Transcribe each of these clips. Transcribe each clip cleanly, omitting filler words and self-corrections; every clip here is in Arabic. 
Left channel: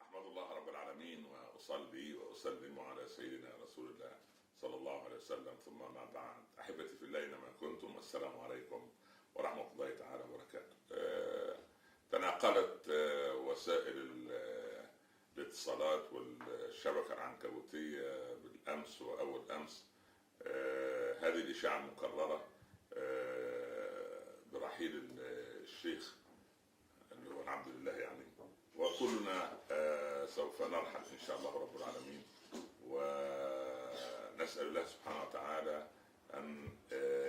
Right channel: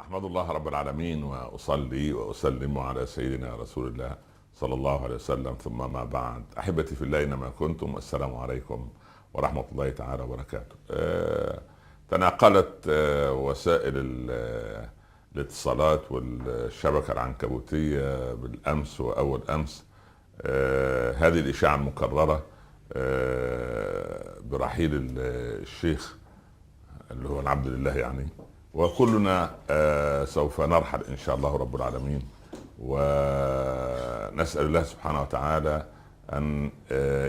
أحمد الله رب العالمين وأصلي وأسلم على سيدنا رسول الله صلى الله عليه وسلم، ثم ما بعد. أحبتي في الله أينما كنتم، السلام عليكم ورحمة الله تعالى وبركاته. تناقلت وسائل الاتصالات والشبكة العنكبوتية بالأمس وأول أمس هذه الإشاعة المكررة برحيل الشيخ اللي هو العبد لله يعني. وكلنا سوف نرحل إن شاء الله رب العالمين، ونسأل الله سبحانه وتعالى أن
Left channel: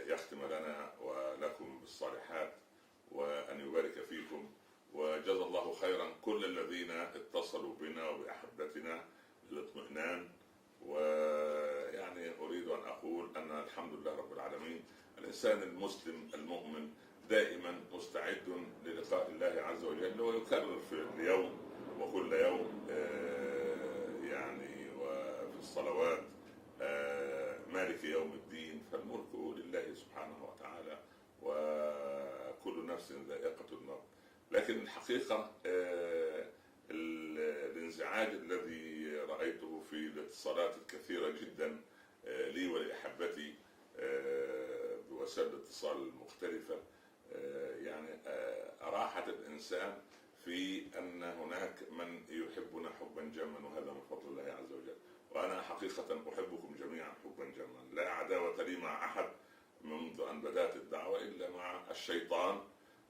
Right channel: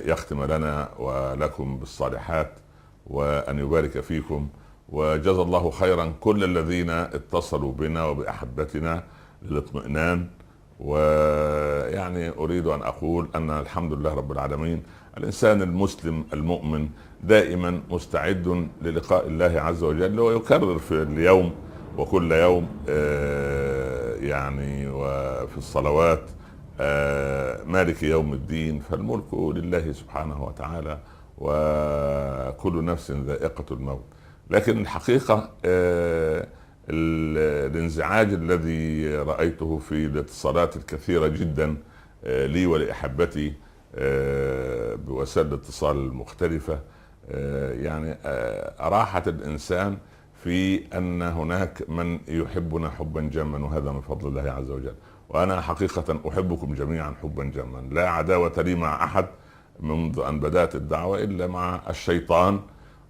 يختم لنا ولكم بالصالحات، وأن يبارك فيكم. وجزا الله خيرا كل الذين اتصلوا بنا وبأحبتنا للاطمئنان. ويعني أريد أن أقول أن الحمد لله رب العالمين، الإنسان المسلم المؤمن دائما مستعد للقاء الله عز وجل، ويكرر في اليوم وكل يوم يعني وفي الصلوات مالك يوم الدين، فالملك لله سبحانه وتعالى، وكل نفس ذائقة الموت. لكن الحقيقة الانزعاج الذي رأيته في الاتصالات الكثيرة جدا لي ولأحبتي بوسائل الاتصال المختلفة، يعني أراحت الإنسان في أن هناك من يحبنا حبا جما، وهذا من فضل الله عز وجل. وأنا حقيقة أحبكم جميعا حبا جما، لا عداوة لي مع أحد منذ أن بدأت الدعوة إلا مع الشيطان،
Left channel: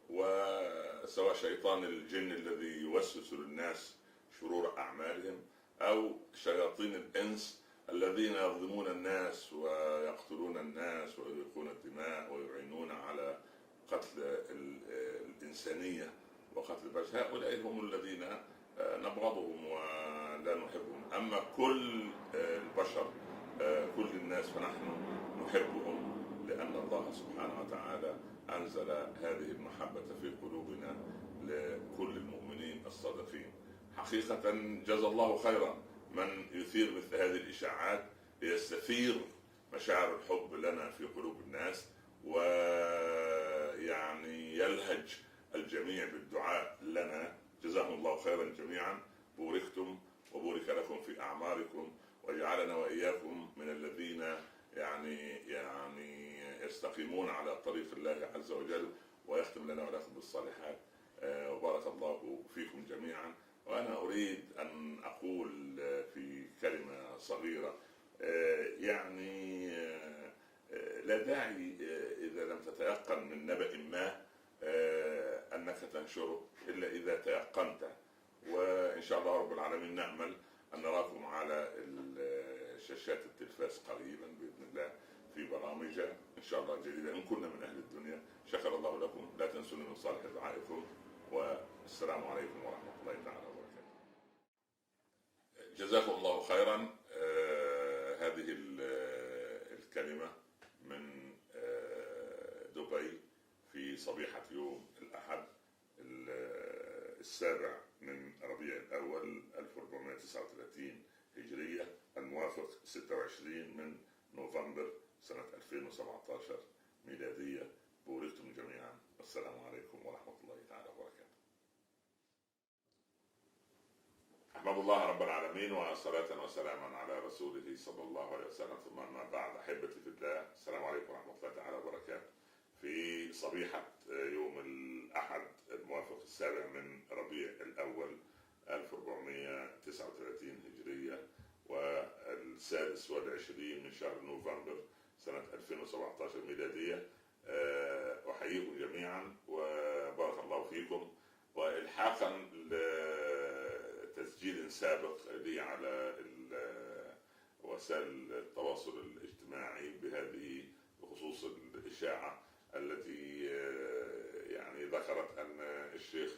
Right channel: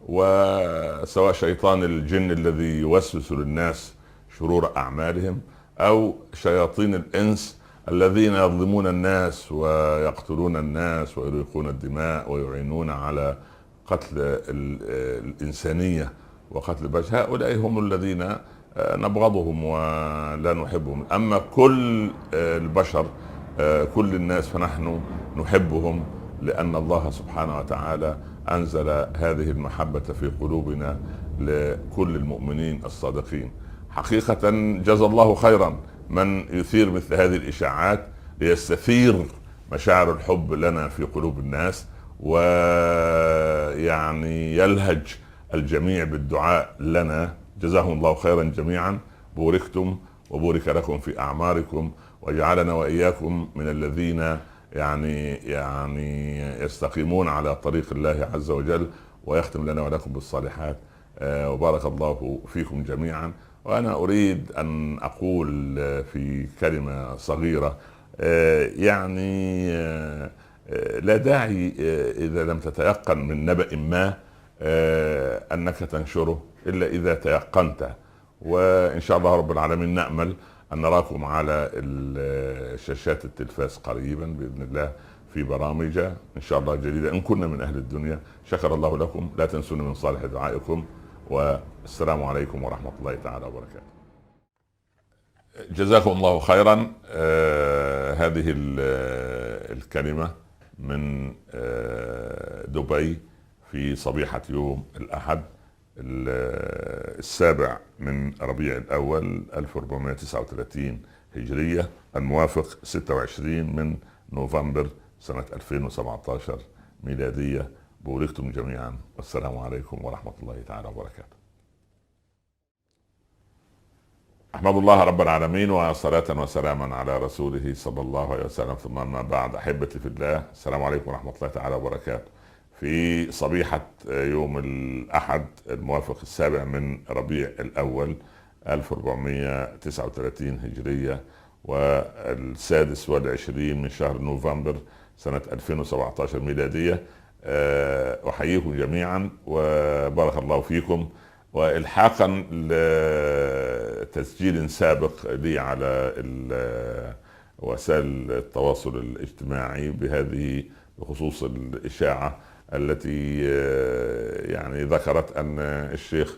وسواء شيطان الجن الذي يوسوس للناس شرور أعمالهم، أو شياطين الإنس الذين يظلمون الناس ويقتلون الناس ويريقون الدماء ويعينون على قتل الإنسانية وقتل البشر. هؤلاء هم الذين نبغضهم ولا نحبهم. أما كل البشر، كل الناس، فنحن نحبهم، لأن الله سبحانه وتعالى أنزل هذه المحبة في قلوبنا لكل المؤمنين الصادقين. حقيقة جزا الله خيرا من يثير مثل هذه الإشاعات ليستثير مشاعر الحب لنا في قلوب الناس، ويعني يلهج الجميع بالدعاء لنا. جزاهم الله خيرا جميعا، بوركتم وبورك لكم في أعماركم، وجعلنا وإياكم من الذين يعني يستقيمون على طريق الله عز وجل، ويختم لنا ولكم بالصالحات. وبارك الله فيكم جميعا. وأنا أريد أن أقول في كلمة صغيرة، يعني لا داعي إذا لم تتيقن من نبأ ما أنك تنشره إلا إذا تيقنته. وإن شاء الله رب العالمين نأمل أن نراكم على شاشات التلفاز قريبا بإذن الله في برامج إن شاء الله جديدة إن كنا من أهل الدنيا. شكر الله لكم، لا تنسون من صالح دعائكم، والسلام عليكم ورحمة الله تعالى وبركاته. جزاكم الله خيرا. هذه الكلمة من دبي في صبيحة يوم الأحد 7 من ربيع الأول 1439 هجرية، الموافق 26 من نوفمبر سنة 2017 ميلادية. بوركتم جميعا، والسلام عليكم ورحمة الله تعالى وبركاته. أحمد الله رب العالمين، وصلاة وسلاما على رسوله صلى الله عليه وسلم، ثم ما بعد. أحبتي في الله، السلام عليكم ورحمة الله تعالى وبركاته. في صبيحة يوم الأحد الموافق 7 من ربيع الأول 1439 هجرية، والسادس والعشرين من شهر نوفمبر سنة 2017 ميلادية، أحييكم جميعا وبارك الله فيكم. والحاقا لتسجيل سابق لي على وسائل التواصل الاجتماعي بهذه بخصوص الإشاعة التي يعني ذكرت أن الشيخ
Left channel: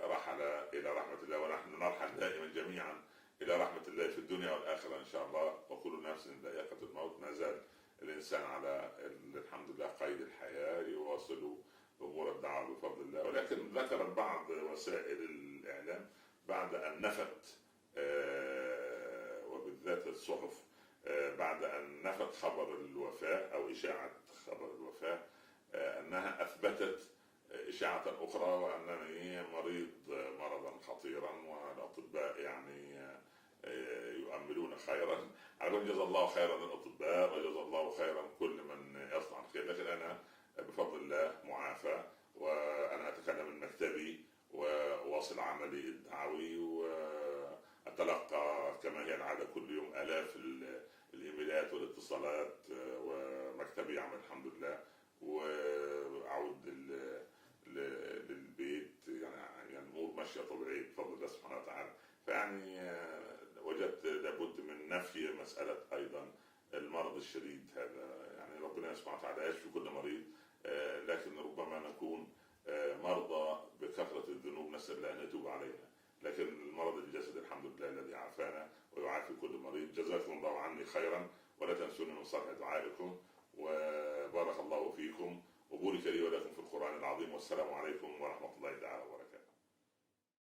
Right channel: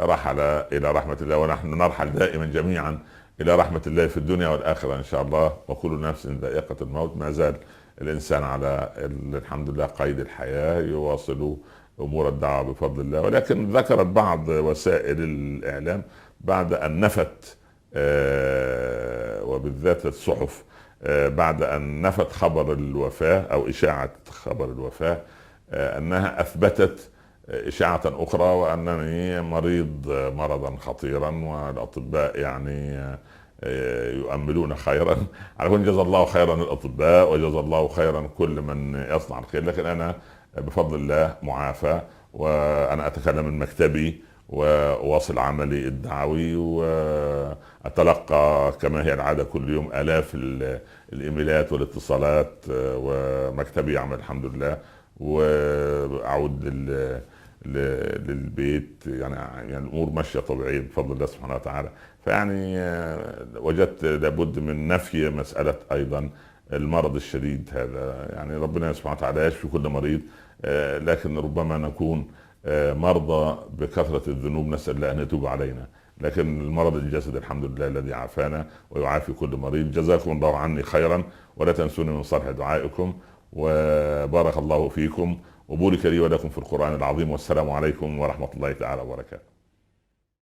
رحل إلى رحمة الله، ونحن نرحل دائما جميعا إلى رحمة الله في الدنيا والآخرة إن شاء الله، وكل نفس ذائقة الموت. ما زال الإنسان على الحمد لله قيد الحياة، يواصل أمور الدعوة بفضل الله. ولكن ذكرت بعض وسائل الإعلام بعد أن نفت وبالذات الصحف بعد أن نفت خبر الوفاة أو إشاعة خبر الوفاة، أنها أثبتت إشاعة أخرى وأنني مريض مرضا خطيرا، والأطباء يعني يؤملون خيرا. على كل، جزا الله خيرا الأطباء وجزا الله خيرا كل من يصنع الخير، لكن أنا بفضل الله معافى، وأنا أتكلم من مكتبي وواصل عملي الدعوي، وأتلقى كما هي العادة كل يوم آلاف الإيميلات والاتصالات، ومكتبي يعمل الحمد لله، وأعود للبيت، يعني الامور ماشيه طبيعيه بفضل الله سبحانه وتعالى. فيعني وجدت لابد من نفي مساله ايضا المرض الشديد هذا. يعني ربنا سبحانه وتعالى يشفي كل مريض، لكن ربما نكون مرضى بكثره الذنوب، نسال الله ان يتوب علينا. لكن المرض الجسد الحمد لله الذي عافانا ويعافي كل مريض. جزاكم الله عني خيرا، ولا تنسوني من صالح دعائكم، وبارك الله فيكم، وبورك لي ولكم في القرآن العظيم، والسلام عليكم ورحمة الله تعالى وبركاته.